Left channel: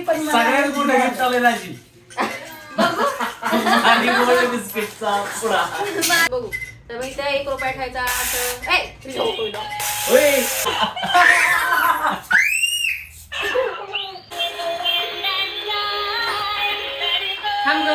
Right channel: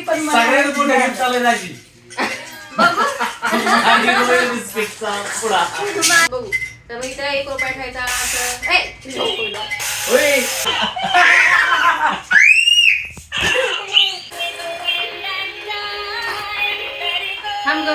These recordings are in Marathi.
दिली पण सगळ्यात मोठं गिफ्ट आलं राजी. आणि रोयल बिस्किटचा पुडा. बघू तर मग इथे 1 रुपया ठेवायचा असं होय. थांब ग.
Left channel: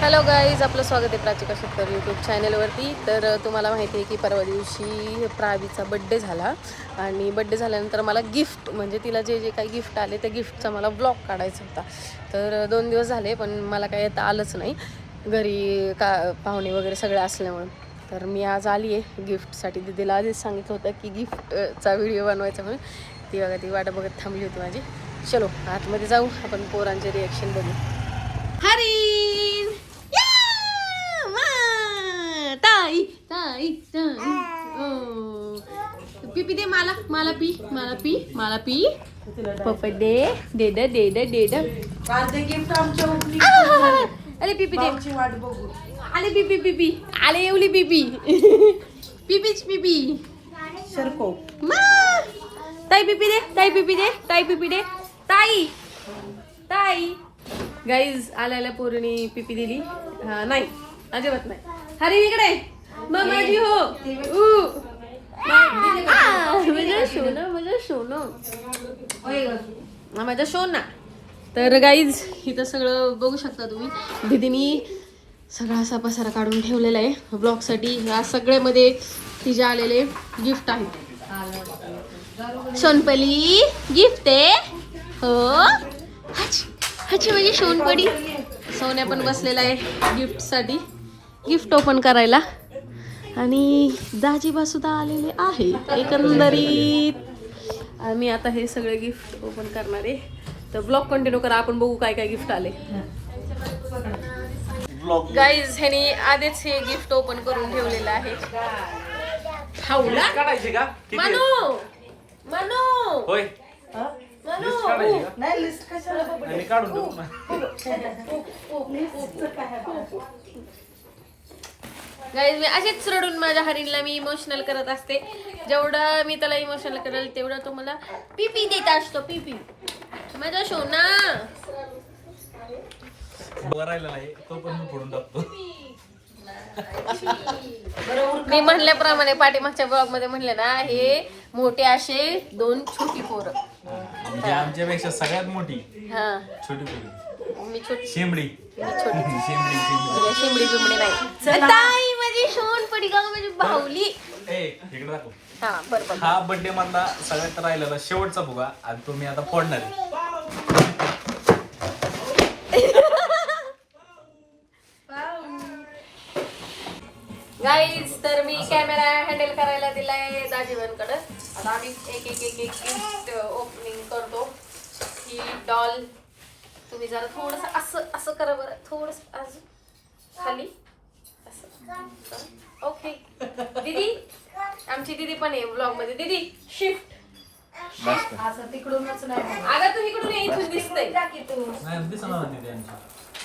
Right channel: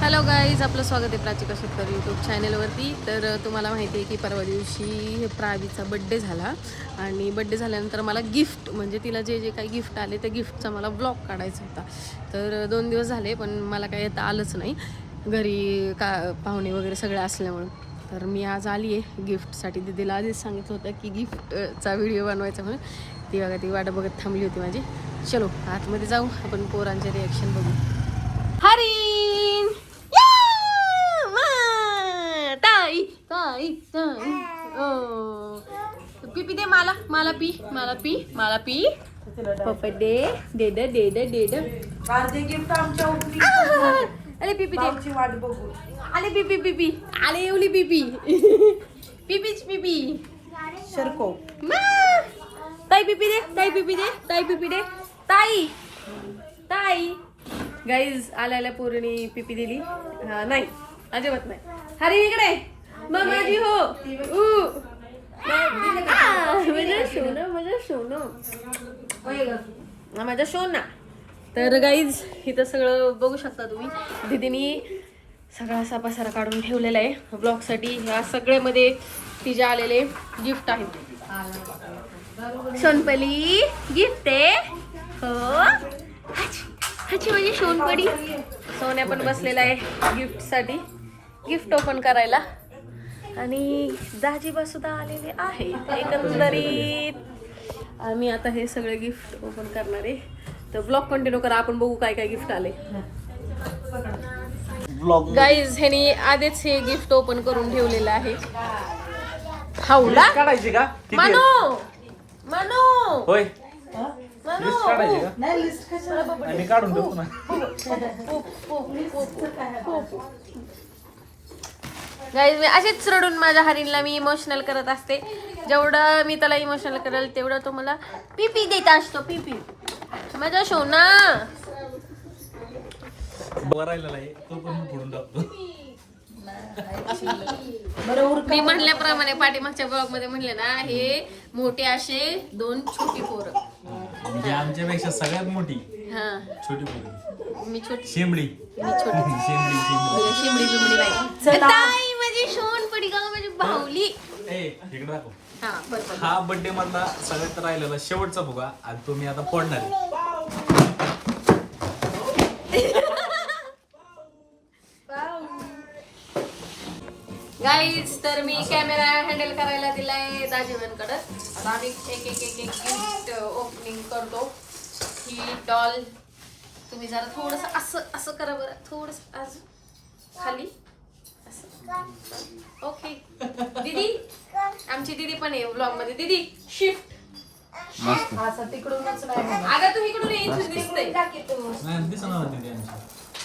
हॅलो गाईज, आपलं स्वागत आहे प्राचिका शेतकर यूट्यूब चॅनलवरती. तर तुम्हाला माहिती आहे की परवा दिवशी प्रावीचा बड्डे झाला आणि बड्डे झाल्यानंतर मला गिफ्ट म्हणजे तिला जे जे काही गिफ्ट आले त्या गिफ्टचा मला ब्लॉग काढायचा होता. तर 2 दिवस झाले पण मला काही येता आलंच नाही, घरी का पाहुणे वगैरे सगळे असल्यामुळं. तर मी आज आली आहे गिफ्टसाठी. दीदीला आधीच सांगितलं होतं की गिफ्टचा व्हिडिओ बनवायचा म्हणून. ती बघा ती वाट बघत थांबली होती माझी. चलो आतमध्ये जाऊ, आपण पोरांचे रिॲक्शन बघू. हरी ताई ताई ताई पी दे मला, मला पी, मला पी, मला पी. पप्पा दे दे दे दे दे दे दे. अर्धे गिफ्ट आमच्या ओपनिंग. अरे पिपी दे. आमची वाट बघू. आले पिपी पिपी, आले एवली पिपी. पिपीच पिपी. शरको. ताई पिपी दे, ताई पिपी दे, ताई पिपी दे, ताई ताई. गाईज आल्याला पोरीने पिपी दिली. हा नाही, अजिबात नाही. हरी इकडे मामाजी हो. माझं सोनं, माझं सोनं, माझं सोना. तर गाईज इथं सगळं बघू शकता तुम्ही. दीदीनी सगळा असा पसारा काढून ठेवलेला आहे ब्लॉगसाठी. ह्या सगळ्यामध्ये तिचे आलेले गिफ्ट आहेत. सोनपली गिफ्ट आहे हो. हाची म्हणजे सोनपडी. सोन्या पण बसलेला आहे गिफ्टसाठी, गिफ्ट ओपन करायला. आणि दाजीबा सुद्धा आलेले आहे. एकंदरीत मी आता हे सगळे गिफ्ट ओपन करणार आहे. तर ब्लॉग कंटिन्यू करा, आपण बघू काय काय गिफ्ट आले. गाईज ह्यानी आधीच हे गिफ्ट ओपन करून ठेवलेलं आहे. हाऊला मानो मानो होय. मानो नाही लिस्ट कशाला मी काढून देऊ ना. गाईज मी असेच रडून माझ्या हरीणला मी इमोशनल करत असते. जेवढं मी त्याला इमोशनल करेल तेवढं तो मला पिपी देत असतो. पिपी माझा सोना. राहिला नाही तो पण मी फोडून टाकतो. मी म्हणल्याप्रमाणे पाठीमागच्या ब्लॉग मध्ये म्हणले ना, हे मोठे असे 2 छोटी पोरं. म्हणजे आमच्यापेक्षा सगळ्यात मोठी हा छोटी पोरगी. मी छोटी, शेंबडी. मी छोटी. शेंबडी शेंबडी. शिमडी बिमडी नाही. ताई माझी सोन पडी का माझी भावली. ए इकडे दाखव. हा बरोबर. हा बर्थडे मधला सगळ्यात राहिलेला शेवटचा फुगा आणि तो मी आता फोडणार आहे. गाईज तर मी कॅमेरा हँडल करायला दिलाय दाजीबांकडे. आता आम्ही एक एक एक एक गिफ्ट ओपनिंग करतो. ही डॉल तुम्ही जरा थोडस असं असं करा बरं, थोडस अजून खाली असं. ओके दीदी, आमची दीदी पण आहे ब्लॉग मध्ये. दीदी शिफ्ट. असं तिकडूनच नाही. अगं तू इकडून ये, इथून दिसतंय. नाही दिसणार नाही त्यांच्या.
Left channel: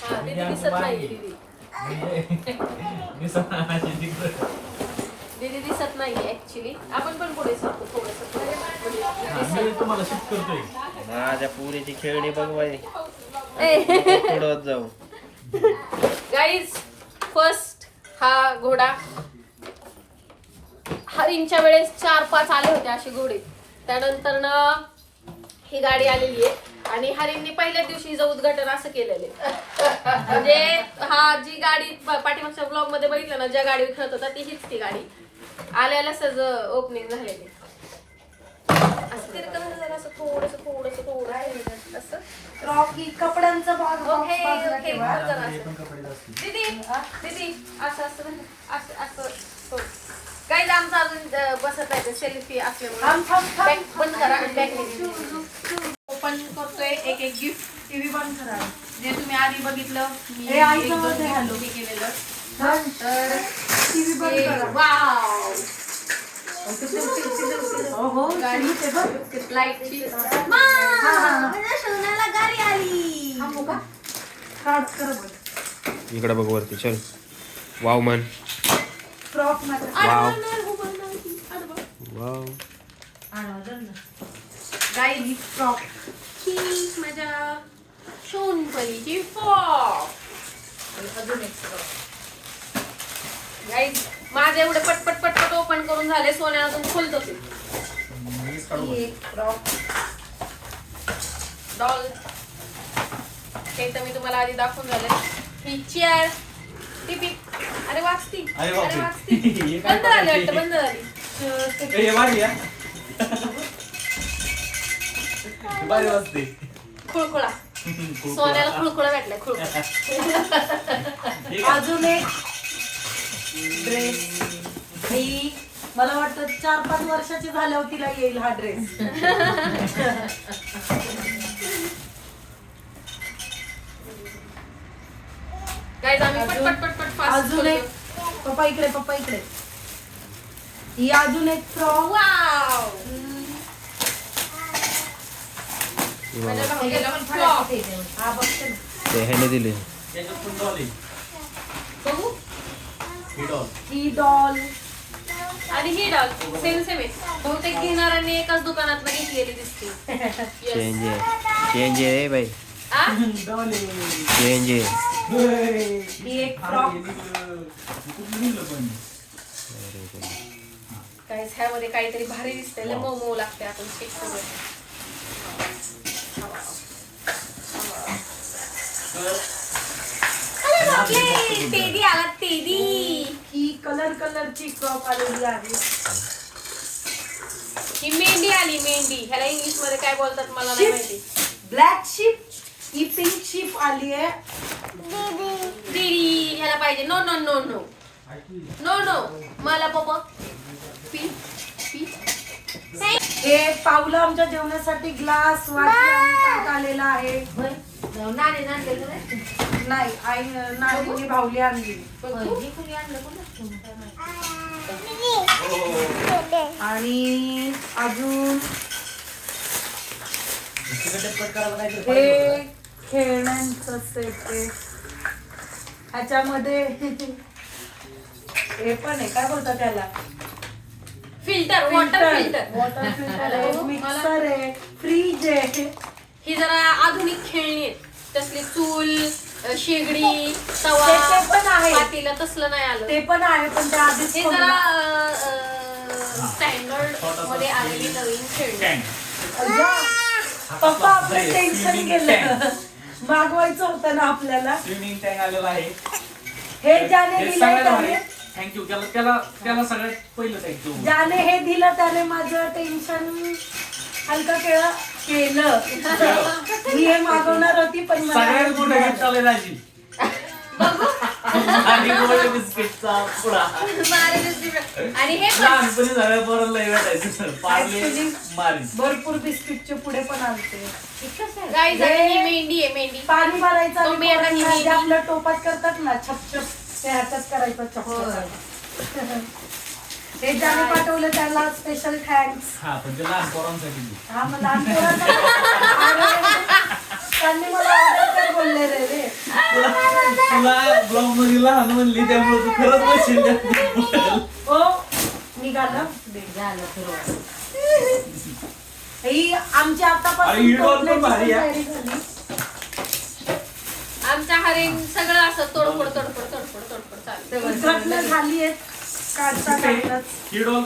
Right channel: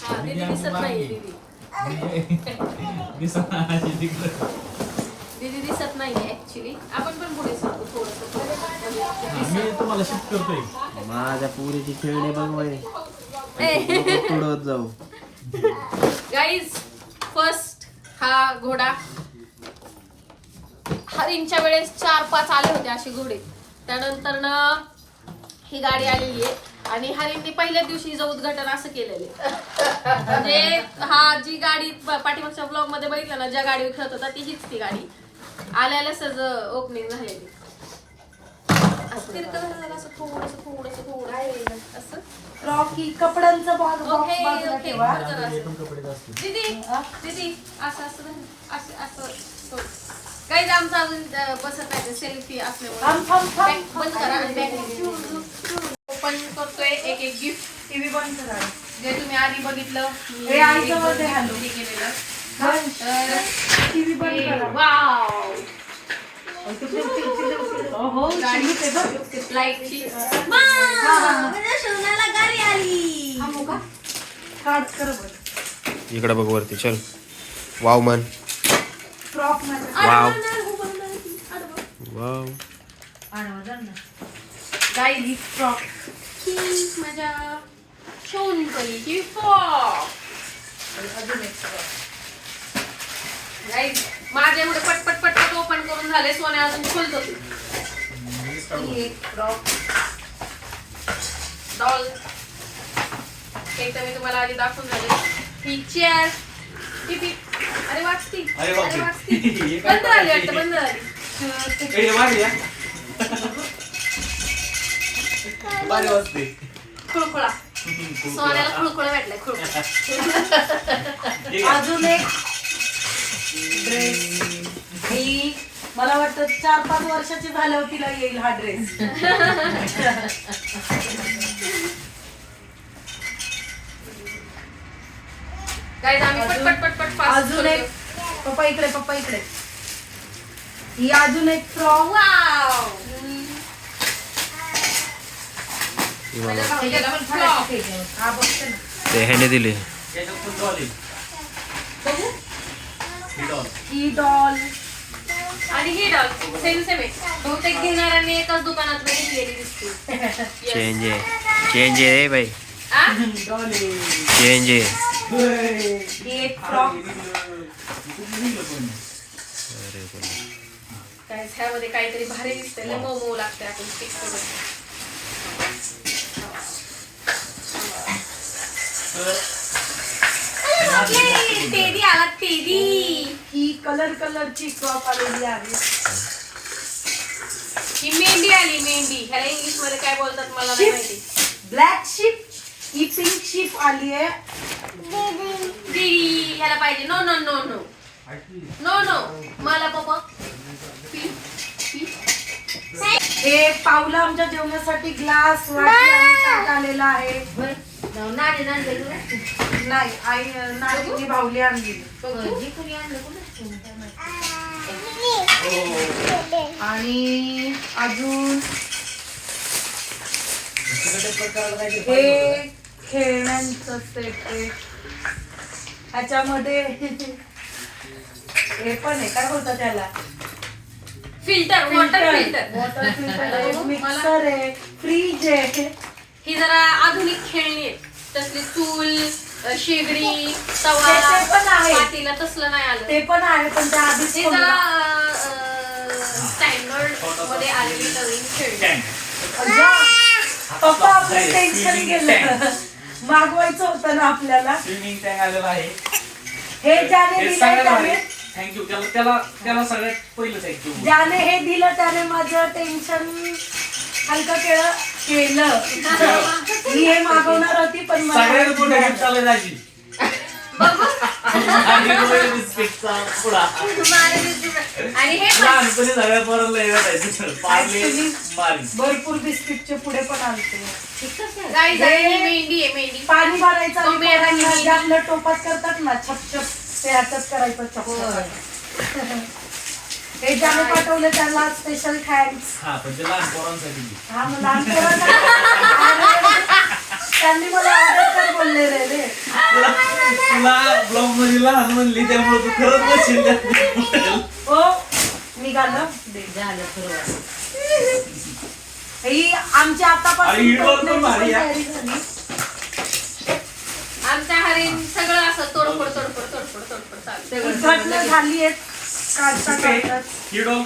हा दीदी दिसत नाही. दीदी दीदी दिसत नाहीये ऍक्च्युली. आपण पण पुढे सांगतो थोडस. मी तुम्हाला शिफ्ट करतोय. माझ्या पुरीची खेळणी बघ बाई. पुढे जाऊ. गाईज फर्स्ट हा घोडा. हरींच्या वेळेस 4-5 आले होते असे घोडे. त्यानंतर ना ही गाडी आलेली आहे. आणि हरींनी पहिल्या दिवशी हिचं उद्घाटन असं केलेलं आहे. म्हणजे हा जी गाडी पाठीमागच्या ब्लॉग मध्ये बघितलं ना, ज्या गाडी खेळत होता ती हीच ती गाडी. आल्याला सज ओपनिंग झालेली. असं तिरकं झालं असं थोडस थोडस थोडस असं. रॉकी कपड्यांचा भाग ओके ओके कपडे असतील. दीदी दीदी असं असं असं असं. काही आमचं अजून बसत आहे सेल्फी असल्यामुळे. बॅक बंद करा आणि बॅक ओपन करतोय एक एक गिफ्ट. टीव्ही बंद करा. जे तुम्ही आधी बघितलं मी हे आई जवळ दे हॅलो. केलेलं. तर टीव्ही बंद करा. वाव ओहो गाडी ते बघ. लाईटची माझ्या सोन्याला गाडी आली. काढ कर बघ. इकडे बघ वरती चल. वाव मन. फ्रॉक मध्ये वाव वाव. गाई फ्रॉक. माझ्या शोनपणीची फ्रॉक. अजून एक फ्रॉक. Guys, माझे एवढे पटपट पटपट ओपन करून झाले. सोन्या अजून खोलतो तू. ही एक फ्रॉक. डॉल हे तर मी तुम्हाला आधी दाखवून झाले. ही चेअर. अरे वाचती. अरे बापरे. वाचती. हे काय बंद झाली करायची? वाटतं, बंद झाली. हे भारी या. भारी वाजते. खुळखुळा. सोन्याला खुळखुळा भेटलाय, खुळखुळा. अजून एक ड्रेस. ही मला वाटतं 4-5 वर्षाची झाल्यावर तिला येईल हा ड्रेस. Guys, आम्ही पटपट पटपट fast अजून एक करतो. पप्पा इकडे, पप्पा इकडे. ही अजून एक फ्रॉक. वाव. मला भाऊजीला पण फ्रॉक. हा बघते ना. ते ह्याने दिली. याच्यात पण डॉल आहे. बघू. ही डॉल. ही डॉल. आणि ही डॉल सेम सेम आहे. बहुतेक घेणाऱ्यांनी एकाच दुकानात घेतलेली दिसते. Yes. चेंज आहे. चेंज आहे रे बाई. आ? डॉल आहे. चेंज आहे. ही एक फ्रॉक. अरे बोल. काय ह्यामध्ये काहीतरी भारी दिसतंय. लय मऊ मऊ लागतंय. आपण पिक करूया. अरे बापरे, टेडी आला, टेडी. ही कलरची फ्रॉक आलेली आहे. ही मेंढी आली, मेंढी. ह्याला इंग्लिश मध्ये काय बोलतात मला नाही माहिती. Black ship. ही पिंक शिप आली आहे. टेडी ह्याला पाहिजे. No no no no no no मला पप्पा पी पी. हे पावलं आमच्या जेवणासाठी ग्लास वाटी आणि ताट आलेला आहे. नाही आई नानीने भावली आणली. आणि अजून हे खेळण्यांचं सेट आहे. ह्याच्यामध्ये हे पण आहे, काय बोलतात त्याला, filter, water filter. Water filter आहे, मिक्सर आहे, फ्रीज आहे. ही जरा आधुनिक खेळणी आहेत. तसली चूल, शेगडी, तवा, ते पण आहे. पातेलं तसलं नाही आलं. ते पण आहे, पण त्या आधीच ते जरा स्टँडर्ड मध्ये आलेली नवीन खेळणी. पप्पा आपलं टेन्शन गेलं. मागवायचं होतं ना आपल्याला. स्विमिंग टँक आलेला आहे. हे ज्याने हे दिलं सगळ्यात भारी. त्याने थँक्यू. त्याला सगळ्यात पहिलं थँक्यू. ज्याने हे दिलं त्याने माझं टेन्शन हलकं केलं. मी हे मागवणार होती पण मला सगळ्यात मोठं गिफ्ट आलं राजी. आणि रोयल बिस्किटचा पुडा. आणि हे पण लहानपणी सगळ्या पोरांना हे भेटायचं. पार्ले Actually, मारी. भरपूर बिस्किटचे पुढे पण आणते. गाईज ही मेंढी आहे, मेंढी. पाणी भरायचं आणि तो मेरा पोरांना ही जे आपलं टोपात करतात ना छप ते ह्याच्यात करायचं चप. हे ज्याने पाठवलं त्याला स्पेशल थँक्स. हा पण ते लहान पोरांसाठी. हा मग लहान पोरांना त्यांनी मला ऑर्डर कर बोलले रे. तुला ब्लॉग मध्ये लहान म्हणली त्यामुळे तू खरंच बसेल. हो निघालं. ही आमची आणि आतापासून ही डॉल पण भारी आहे. तयारी झाली. आमच्या हरीण सगळं असं तोडफोड तोडफोड तोडफोड तोडफोड चालू. उद्घाटन झाली आहेत काढता काढताच. ही डॉल.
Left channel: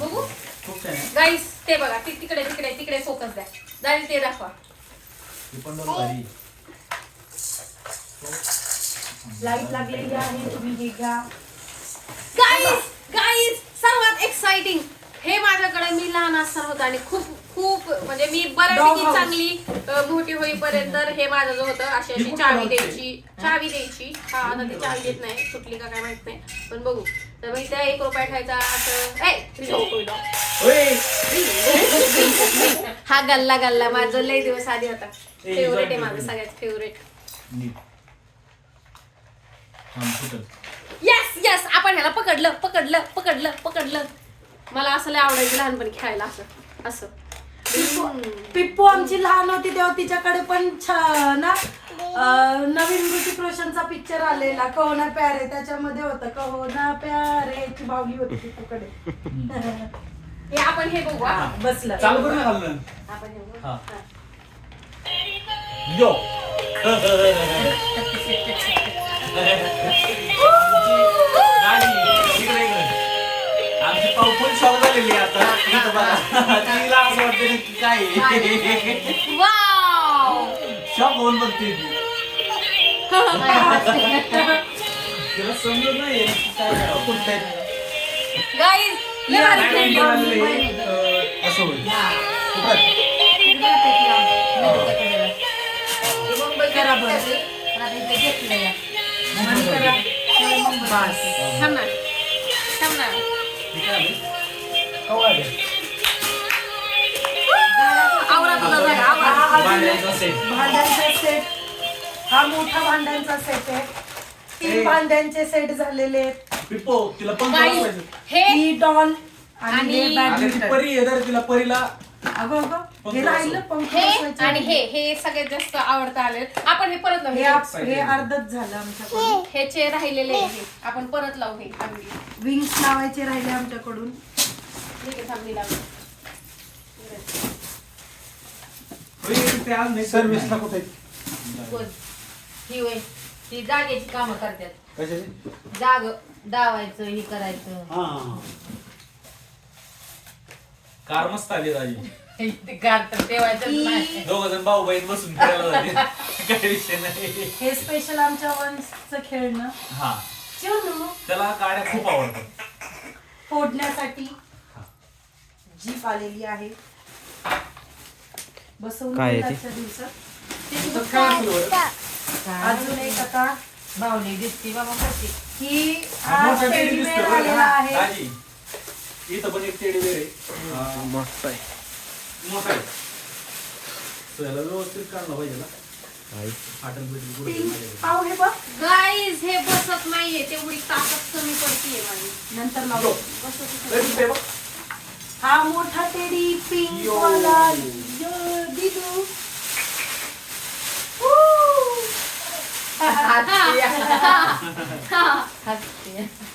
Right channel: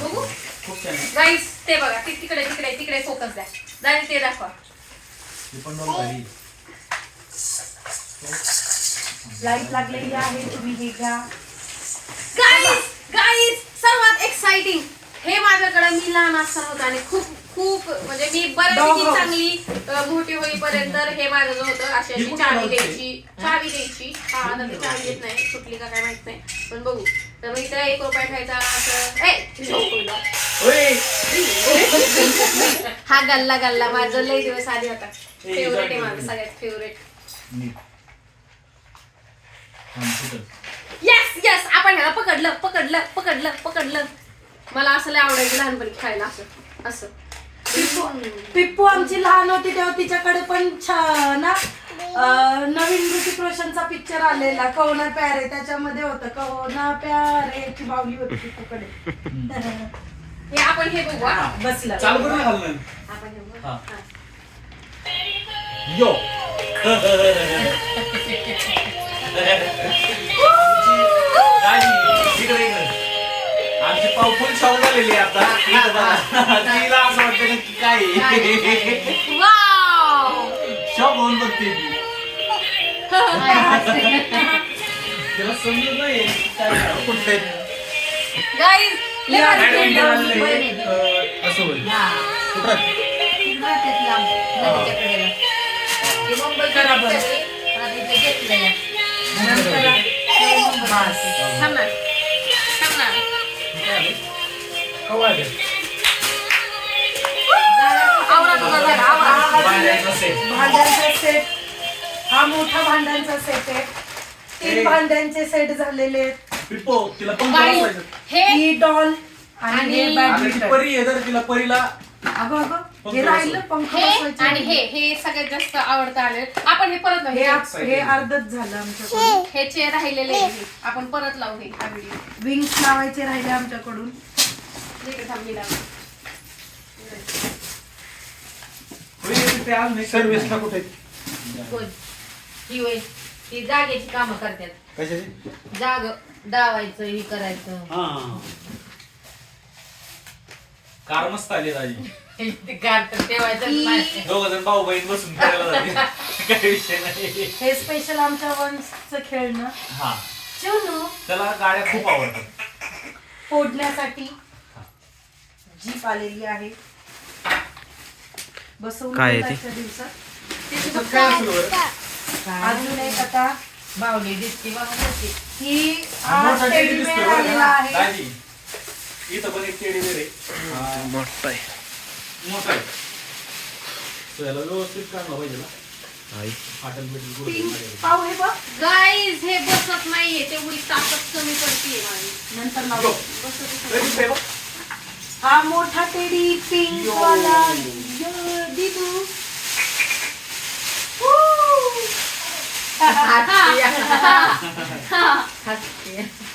बघू खूप छान आहे. गाईज ते बघा, तिकडे तिकडे तिकडे फोकस द्या. जाईल ते दाखवा. ही पण डॉल भारी. लाईट लागलेली आहे, तुम्ही हे घ्या. गाईज गाईज सर्वात एक्साइटिंग हे माझ्याकडे मी लहान असताना होतं आणि खूप खूप म्हणजे मी Dog बऱ्यापैकी house. चांगली मोठी होईपर्यंत हे माझं जो होतं अशी ही अशी कुठल्या चावी dogची? द्यायची. हा आता ती चावी देत नाही, सुटली का काय माहित नाही, पण बघू. तर मग इथे 1 रुपया ठेवायचा असं. ओय. हा गल्ला गल्ला माझं लय दिवस आधी होता. ए, फेवरेट आहे join माझं, कर. सगळ्यात फेवरेट. नीट. थांब, सुटल. येस येस आपण ह्याला पकडलं. मला असं लय आवडायचं लहानपणी खेळायला असं असं. पिप्पू आमची लहान होती तेव्हा तिच्याकडे पण नवीन ऋतिक रोशनचा पिक्चर आलेला कहो ना प्यारे, त्याच्यामध्ये होतं कहो ना प्यारे ची बावली होती पिप्पूकडे. हे आपण हे बघू हा. बसलं चालू करून घालणं. आपण हे बघू. हा. यो आमची पाव फुल शॉक झालेली आहे आता. तिला असं वाटतं ना की काय वाव शॉक होऊन बघते ती. तिला समजत नाही काय करावं. कुठे गाईज लय भारी खेळली. असं होईल. थांब ना. थांब ना. आवरा तुझा झाला, आवरा. भांड्यांचा सेट, हा मोठा भांड्यांचा सेट आहे. 3 भांड्यांचे सेट झालेले आहेत. पिप्पो तिला पण गाईज हे ही डॉल आणि हे ती बॅडमिंटन. परी आहे तर तिला परीला अगं हे राहिलं पंख हे बसवायचं. आणि हे सगळ्यात जास्त आवडतं आले. आपण हे परत हे लावू. हे अर्धच झालं आमच्याकडून. हे चेअर राहिलेले आहे. आपण परत लावू हे हा व्हिडिओ. विंग्स लावायचे राहिले आमच्याकडून. सर्व्हिसला कुठे ही होय ती जागेची कामं करतात. कशाची? जाग दावायचं हे करायचं. कार मस्त आली राजी. ते गार तर ठेवायचं नाही. दोघ जण भाऊ बहीण बसून खेळायला लागले. काही विषय नाही. हे स्पेशल आमच्या वंशचं खेळणं. हा चलो त्याला गाड्या खूप आवडतात. फोडण्यासाठी जीप आलेली आहे. बसवून काय आहे ते? आजच्या दिवसात काय सुरू आहे? अजून एक आता बावली दिसती मला मोठी. ही मोठा टेडी टेडी दिसतोय बेअर बरं आलेला का? आहे. राजी, इथं पण एक टेडी बेअर आहे. मोठा आहे. मोठा आहे. So याला व्यवस्थित काढलं पाहिजे ना. आई फाटल बिटल पिंक गुडघे. पाव हे बघ गाईज हे बसत नाहीये, तेवढी ताकद कमी पडतीये माझी. नंतर Go. लावू. Ready, baby? हा मोठा टेडी पिंक यो. वाला यो, दिदू.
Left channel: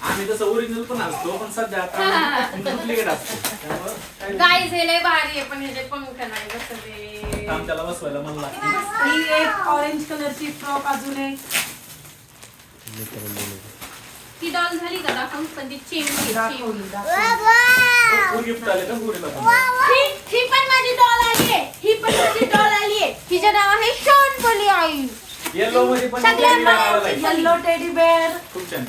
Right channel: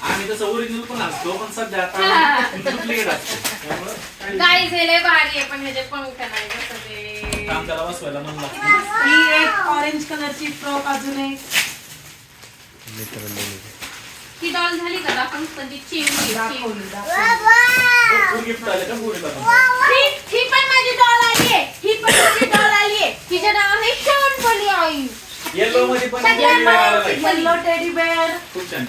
आम्ही तसं ओरिजिनल पण असतो पण सध्या आता डुप्लिकेट असतो त्यामुळं काही गाईज हे लय भारी आहे, पण ह्याचे पंख नाही बसत. काम त्याला बसवायला मला लागतं. ही एक ऑरेंज कलरची फ्रॉक अजून एक. मित्रांनो ही डॉल झाली का दाखवून? पण ती चिमणी दाखवली दाखवली. गिफ्ट आले का पुरीला पण? ही पण माझी डॉल आली आहे. ही पण माझी डॉल आली आहे. हिचं नाव आहे शोनपली आई. येलो मध्ये पण टेडी बेअर आलेला आहे. Yellow teddy bear. खूप छान.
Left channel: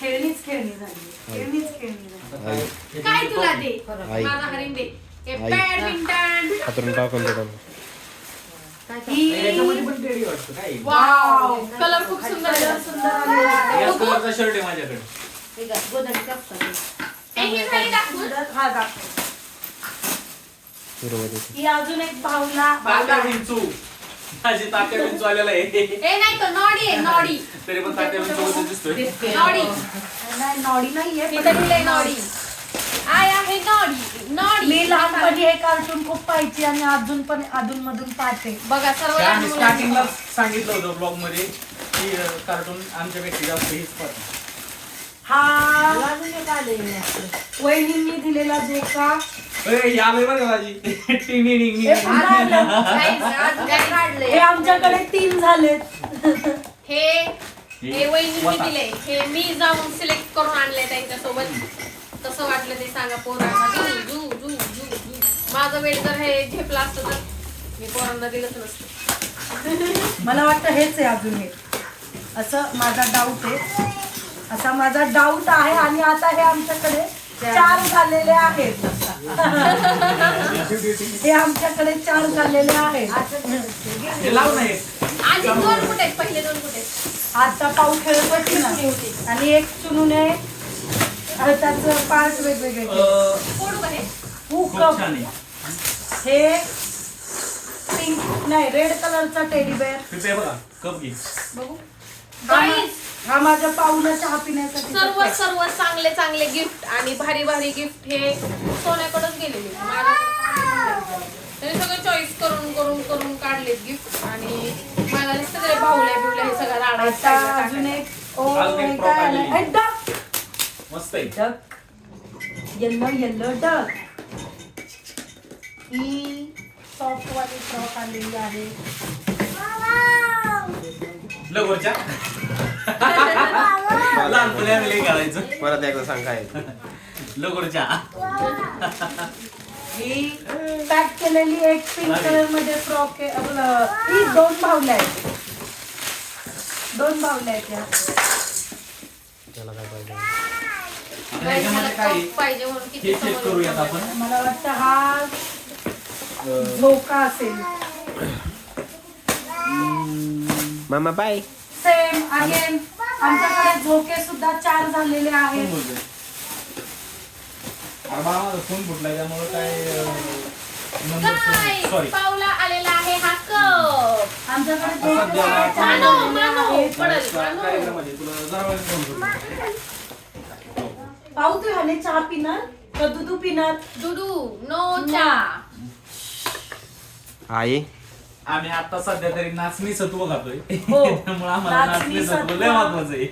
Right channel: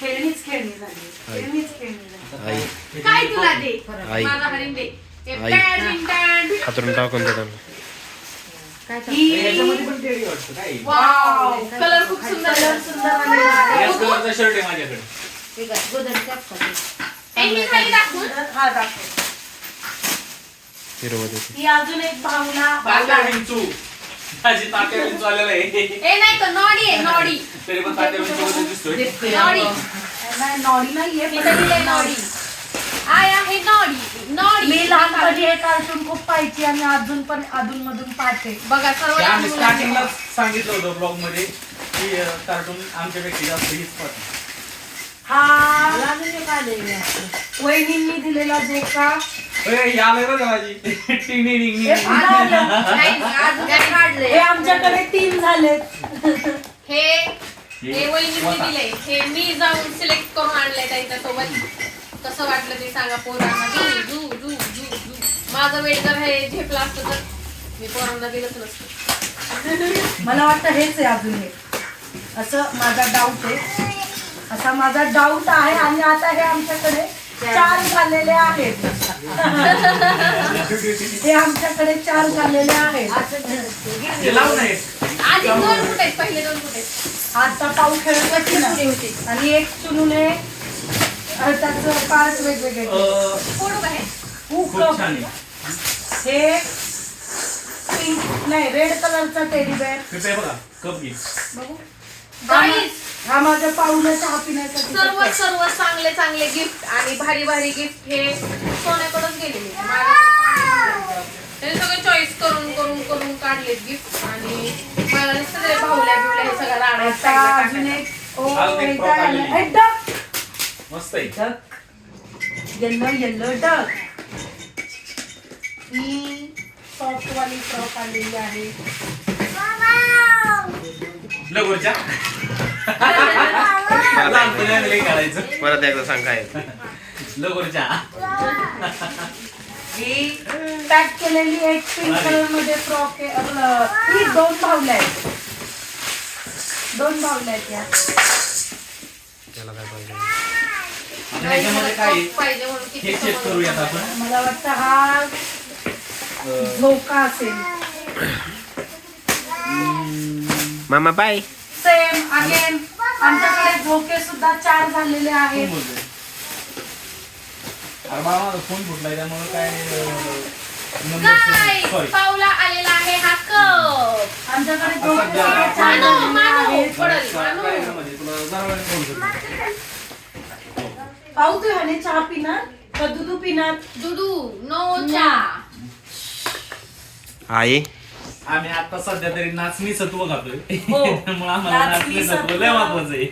खेळणीच खेळणी झाली. खेळणीच खेळणी झाली. आई काय तुला दे? आई. माझा हरिण दे. हे आई. बॅडमिंटन. हातरून टाकून देतात. याच्यामध्ये पण टेडी वाटतं काय? वाव कलर खूप सुंदर आहे. सुंदर आलेला आहे. याच कलरचा शर्ट आहे माझ्याकडे. हे काय गोदडीचे असतात. हे ही खाली दाखवून. हा दाखव. हिरो मध्ये ही अजून एक भावना. तात्या विंचू. माझी तात्या विंचू आलेला आहे. हे नाही तर नॉडी आहे नॉडी. तरी पण तात्या विंचू मध्ये दिसतोय. नॉडी. नाही नॉडी नाहीये इथं पण लिहिलंय नॉडी. आय आहे नॉडी. नॉडी. मी लहानपणी हे कार्टून खूप पाहायची आणि अजून पण अधून मधून पाहते. बघा सर्व ते लहान आम्ही मुलांना. स्टार्टिंगला सांगितलं होतं ब्लॉग मध्ये की कार्टून आमच्यापेक्षा जास्त हीच पाहते. हा लागलं का आलेलं असतं. वहिनींनी दिलेला जेका. यालंय बरं माझी टिंग हे पुन्हा आलं. Guys, अजून काय काढलंय? हे आमच्याकडे 3 झालेत. हे वहिनींनी दिलंय. हे मी जाऊन सिलेक्ट करून आणलंय त्यांच्यासोबत. कसं वाटलं ते सांगा पोरांना. जू जू जू जू जू. माझं वेळ जर हे झेपलं असतं तर मी पोरांना दिलंच नसतं. मला वाटतं हेच आहे अजून हे. असं माझा डाऊट आहे. असा माझा डाऊट आहे आणि आता हे आमच्याकडे 4 झालेले आहेत. हे आमच्याकडे 4 झालेले आहेत. लावून आहे. आधी 2 कुठे आहेत? पहिले 2 कुठे आहेत? आता पाऊ खेळत होती ना आणि एक चुनूने त्याचं पार्ट वेगवेगळे फोडू का हे? खूप छान आहे. हे पिंक नाही रेड कलरचा टेडी बेअर. पिपे बघा कप घे. बघू. Guys, हा माझ्या पाऊला चहा पिण्यासाठी सर्व सर्व चांगले चांगले गिफ्ट आणि भारी भारी गिफ्ट हे सोन्याकडून गेले मी हे सगळे चॉईस करून करून करून काढले गिफ्ट आणि मला सगळे बाहुल्या बिवल्या हे सगळं आता अजून राहणार एक ओ अजून एक हे फ्रॉक काय आलेली. आलं? डक मस्त आहे. डक येल्लो येल्लो डक ही सॉफ्ट वाली फ्रॉक आलेली आहे लगोरच्या लहानपणी आम्ही लई घालायचं परत एकदा सांग काय लगोरच्या. ही पॅक केलेली एक पिंक कलर मध्ये फ्रॉक आहे आपलं ही दोन बाहुल्या आहेत या त्याला काय पाहिजे ह्याच्यामध्ये काय आहे? पाहिजे म्हणून हे किती चेक करूयात आपण. मला वाटतं हा झोका असेल मामा बाय सेम अगेन आमच्याकडे झोके सुद्धा 4 झालेले आहेत कोण बोलतोय? अरे बाळा माझा फोन फुटलाय त्यामुळे काय Guys, सॉरी. पाऊला आलेला आहे हा कप आमच्याकडे झोके सध्या सुद्धा 4 मानो, झालेले मानो. आहेत पडेल, मानो. कार्यक्रमामध्ये तुला जरा वेळ फोन करतो. पाहू तू ह्याने चहा पिणार का दूध पिणार दुदू नो चहा आई आम्ही आता सध्या तरी नाचणी सत्व खातोय हो. त्यामुळे आम्हाला नाचणी नाचणी सत्व लय सत्व. महत्वाचं आहे.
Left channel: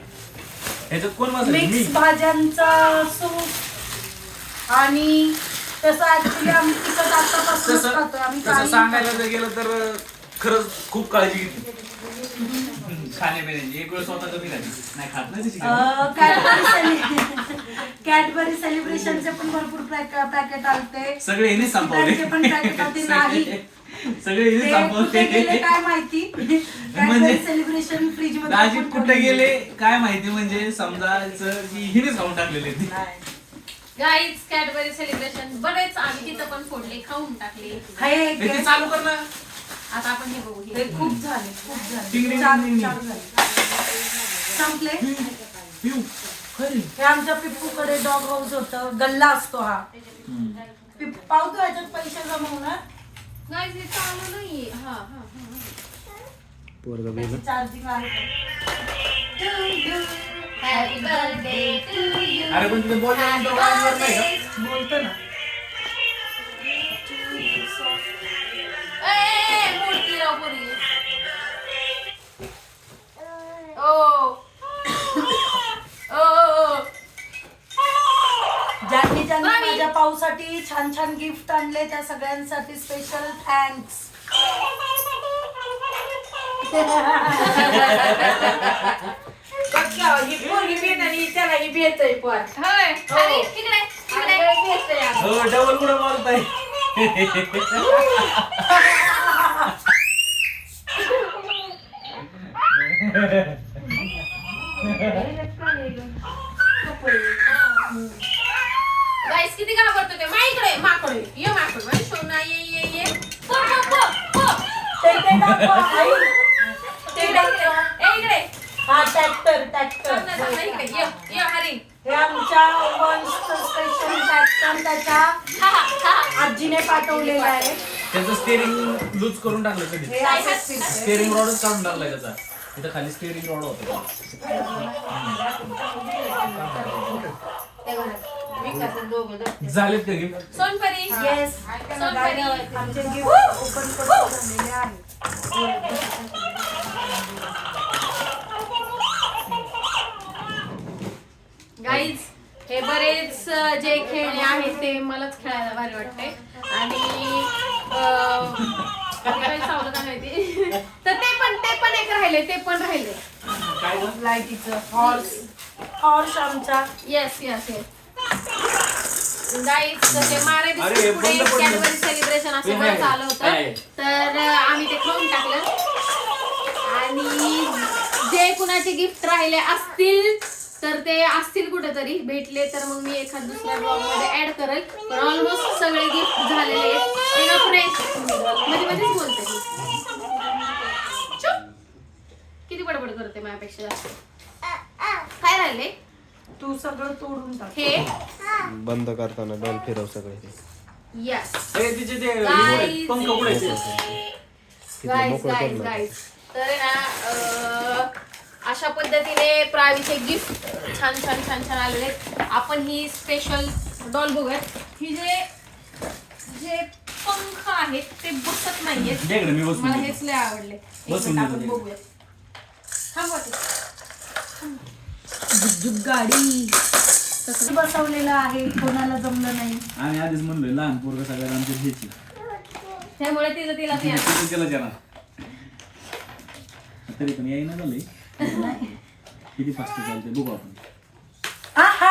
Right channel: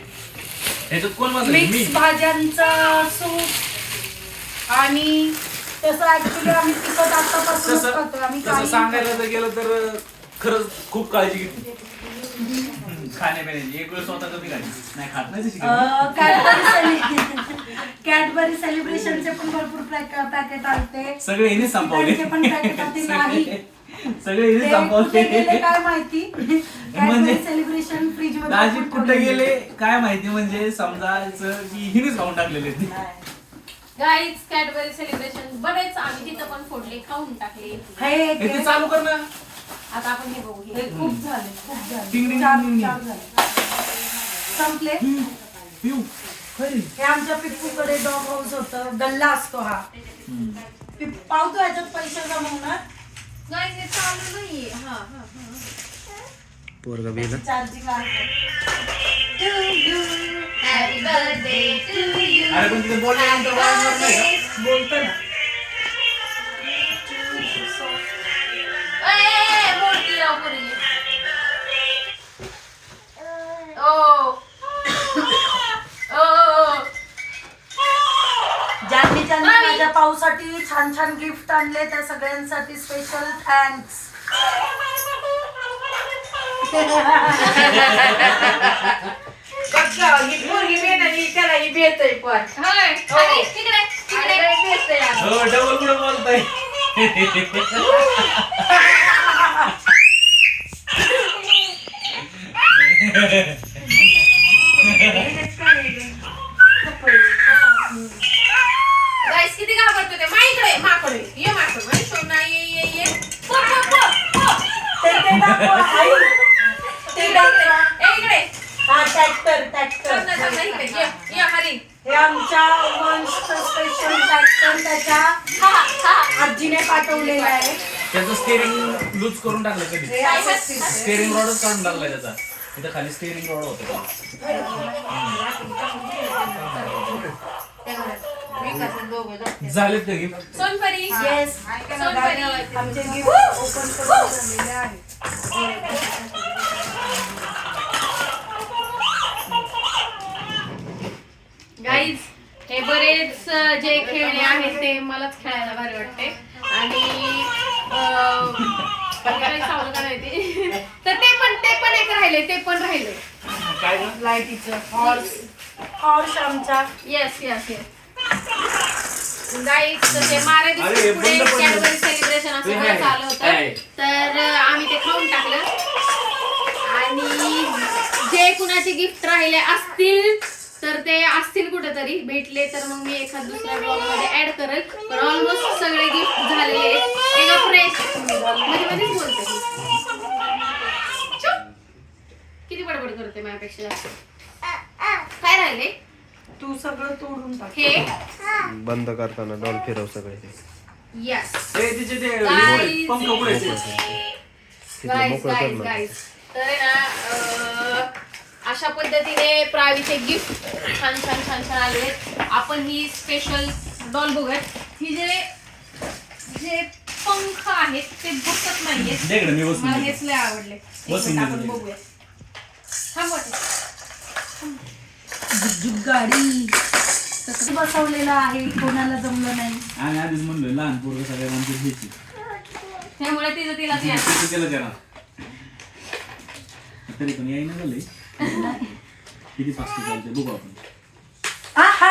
ह्याच्यात कोण माझं मी मिक्स भाज्यांचा सूप आणि तसं ऍक्च्युली आम्ही तिखट आतापासूनच तसं खातो आम्ही तसं काही सांगायला जर गेलं तर खरंच खूप काळजी घेते खाण्यापिण्याची. एक वेळ स्वतः कमी खायची नाही खात नाही तशी कधी. कॅडबरी सेलिब्रेशनचे पण भरपूर पॅकेट आलते सगळे हिने संपवले त्यांचे पण पॅकेट आधी नाही सगळे हिने ते कुठे गेले संपवले. काय माहिती कॅडबरी म्हणजे सेलिब्रेशन फ्रीज मध्ये दाजी आपण कुठे ठेवलेले. गेले काय माहिती म्हणजे समजायचं की हिनेच खाऊन टाकलेले ते. नाही. गाईज कॅडबरी सेलिब्रेशन बरेच आम्ही तिथं पण फोडले खाऊन टाकले हे एक ते चालू कर ना. आता आपण हे बघू हे खूप झाले टिंग टिंग चार टिंग टिंग. झाले संपले पिऊ खरी. हे आमच्या पिप्पूकडे डॉग हाऊस होतं गल्ला असतो हा पावतो याच्यात पैसे जमवणार गाईज हे चालू नाहीये हा हा हा पोरगा बिल चार्जिंग आहे हॅपी बर्थडे टू यू अरे पण तिथे बोलल्यानंतर वाजणार नाही का? बोलतो ना मूर्ती लाव पोरी. ओ ज्यांनी ज्यांनी मामी. माझ्या पाऊसाठी छान छान गिफ्ट आणले त्या सगळ्यांसाठी स्पेशल थँक्स ही पोरगी भेटायची त्याला ही भेटतोय पण होय खाली, तिकडे तिकडे भेटतोय हो डबल कुठं बोलताय. गाईस किती घाबरतो ते माईकडे माकडे ये माकड बाई सोना ये पो पो पो पो ते दाखव, आई. ते इकडे दाखव. ए इकडे हा ट्रॅक्टर ट्रॅक्टर चल ना चल ना इकडे ये हरी हे आमच्या वंशचं स्पेशल ट्रॅक्टर त्याच्या हा हा हा आजीने पाठवलेलं आहे त्याचं स्टेअरिंग लूज करून टाकलं कधी. हे असंच फिरतंय. स्टेअरिंग रॉडच काढून टाकलाय त्याचा. तिथं खाली स्टेअरिंग रॉड होता. झालेत का गिफ्ट? सोनपरी येस सोनपरी आमचे गिफ्ट ओपन करून झालेले आहे गाईज हे बरेच जे खेळणे आहेत ते मलाच खेळायला भारी वाटते आणि काही चावलं का नाही ते तर ते पण एक राहिले ते पण राहिले काय गं? लाईटीचं हॉर्स आमचा येस येस येस गाईज ते मारे अरे, हे पुढे बंद पडलं. कॅडबरी सेलिब्रेशन असं हे बरंच आलं आहे. होतं तर आम्ही ते खाऊन टाकलं आणि जे कुणाचे गिफ्ट राहिले असतील तर ते असतील कुठेतरी भेटले तर मग मी एखाद दुसऱ्या ब्लॉग मध्ये ऍड करेल पण ऑलमोस्ट सगळे गिफ्ट झालेले आहेत एका फ्रेश मध्ये मध्येच बोलते मी. चुप. किती बडबड करते माझ्यापेक्षा जास्त काय राहिले तू सगळं तोडून टाक हे बंद करताना डॉल फिरव सगळे ते यस ए, तिचे ते Guys. पंख उघडायचे. तिथलं गाईज मोकळं कर गाईज ना गाईज तर आहे ना अशा पद्धतीने प्रावीचे गिफ्ट छान छान छान छान आलेले आहेत. आपण ही स्पेशल डॉल बघूयात. ही जे पंख आहेत ते बसत नाहीयेत. दे इकडे, मी बसून मला घेतो. हेच लय आवडले. एक बसून मिनिट आपण घेतो. बघूया. थांब वाटत. झुकझुक गाडी कसं बसवलेलं आहे, कोणाला जमलं नाही. आणि आधीच म्हणलोय लहान पोरग सगळ्यांना आमच्या घ्यायची त्यामुळे तिचं तिला ते त्याला जरा तरी पण यायला झालंय. किती फास्ट चालते बघू आपण. आहा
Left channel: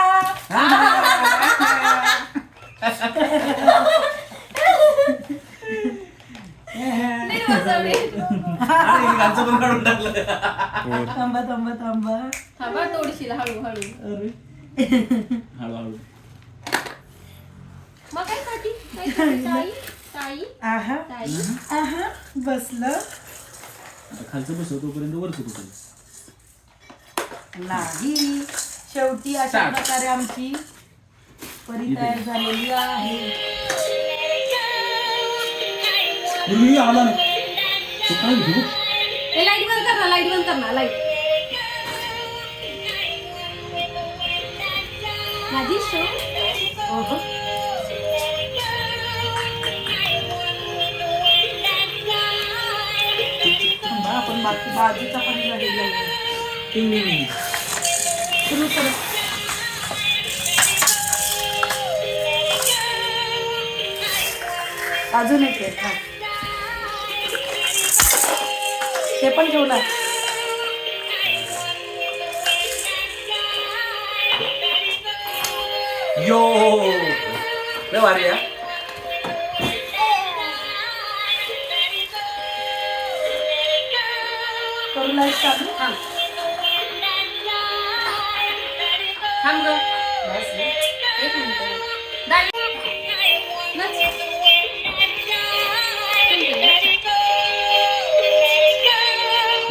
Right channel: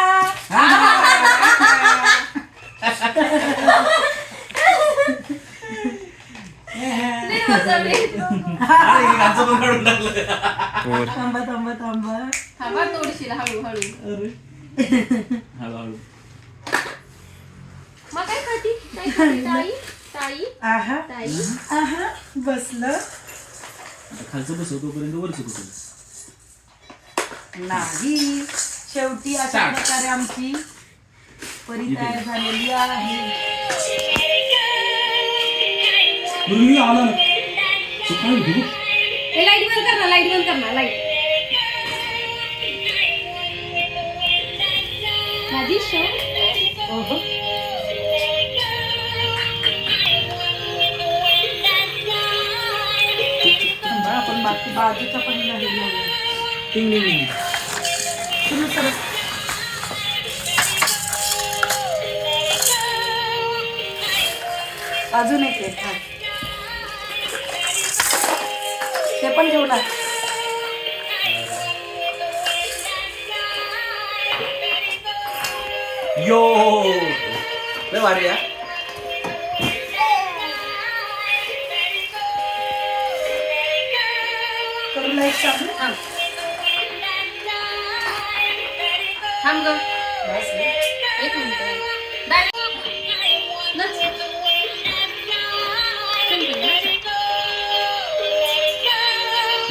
लय वाजवले. अरे, हे गाणं पण काढून टाकलं. थांबा थांबा थांबा. थांबा थोडीशी हळूहळू. अरे हळूहळू. मग काय करती? काय करती ताई? ताई? आहा ताई? आहा बसलं आता खालचं बसव तोपर्यंत वरचं बसव. नाही. शेवटी अशा Start. प्रकारे आमची परी तयार झालेली आहे. आला ना तू काय घेऊ? हे लाईट बंद कर ना, लाईट बंद कर ना, लाईट. माझी शो. थांबा, आपण बाकी बाजूचा पण झालेला आहे. टिंग टिंग टिंग. सुरू सुरू. अजून एक आहे. हा. ते पण ठेवणार. यो लय भारी आहे. करू लाईट चालू. थांब. थांब ग. बस. एक मिनिट. दाई. नच. थांब ग, नच.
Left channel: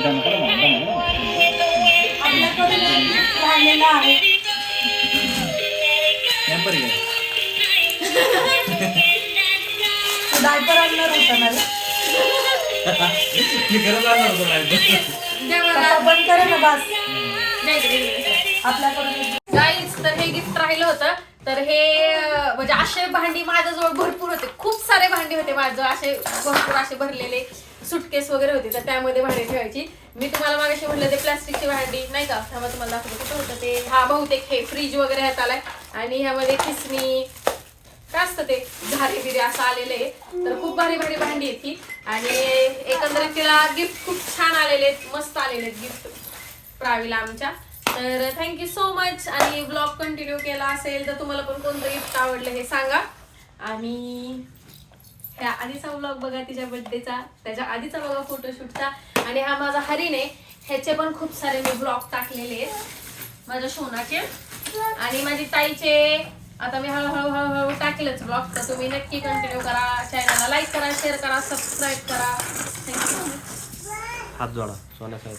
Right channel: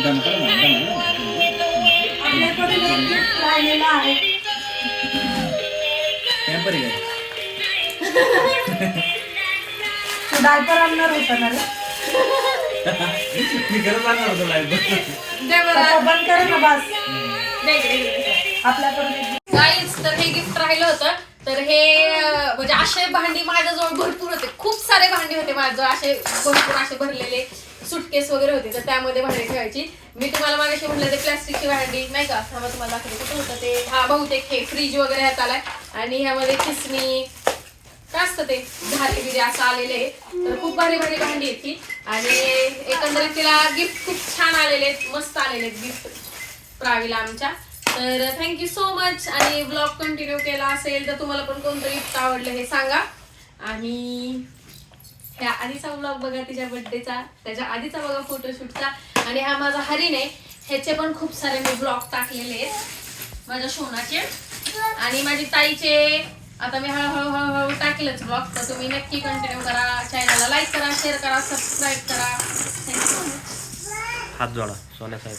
दम कर ना, दम कर. आपल्याकडे एक gift राहिलेलं आहे. टेम्पर आहे. तू डायपर आणणार होता ना रे? मी खरंच आणणार होतो light. दे बरं. आता बंद करे ना बस. दे इकडे, इकडे. आपल्याकडून एक gift. गाईज, तर हे गिफ्ट राहिलं होतं. तर हे म्हणजे असे भांडी माझ्याजवळ भरपूर होते. खूप सारे भांडी होते माझ्याजवळ, असे भरपूर असे भरलेले सुटकेस वगैरे होते. तर त्यामध्ये भांडी ठेवायची. मी तुम्हाला मागाशी म्हटलं ते प्लॅस्टिकची भांडी नाही का, थांबा तुम्हाला दाखवते कुठं होतं ते. हा बहुतेक हे फ्रीज वगैरे ह्यात आलाय. आणि ह्यामध्ये खिसणी काय असतं ते घारे बिरे असं आलेलं आहे. तर खूप भारी भारी भांडी आहेत ती. आणि एकंदरीत तिला गिफ्ट खूप छान आलेले आहेत, मस्त आलेले आहेत गिफ्ट प्रावीला आमच्या. तर थँक्यू सो मच. आणि ब्लॉग कंटिन्यू केला असेल तर तुम्हाला पण कोणतं गिफ्ट आवडलं हे सांगा. आणि ह्या आधीचा ब्लॉग बघा तिच्या बर्थडेचा, त्याच्या आधीचा बघा फोटोशूटचा. आणि हा माझा हरिण आहे, ह्याचे पण खूप सारे मी ब्लॉग टाकलेले आहेत माझ्या शोनाचे. आणि माझी ताईचे आता मी हळूहळू हळूहळू टाकेलच ब्लॉग. तर तुम्ही नक्की कंटिन्यू करा. चॅनलला लाईक करा, शेअर करा, सबस्क्राईब करा. Thank you so much. हात जोडा सोन्या साहेब.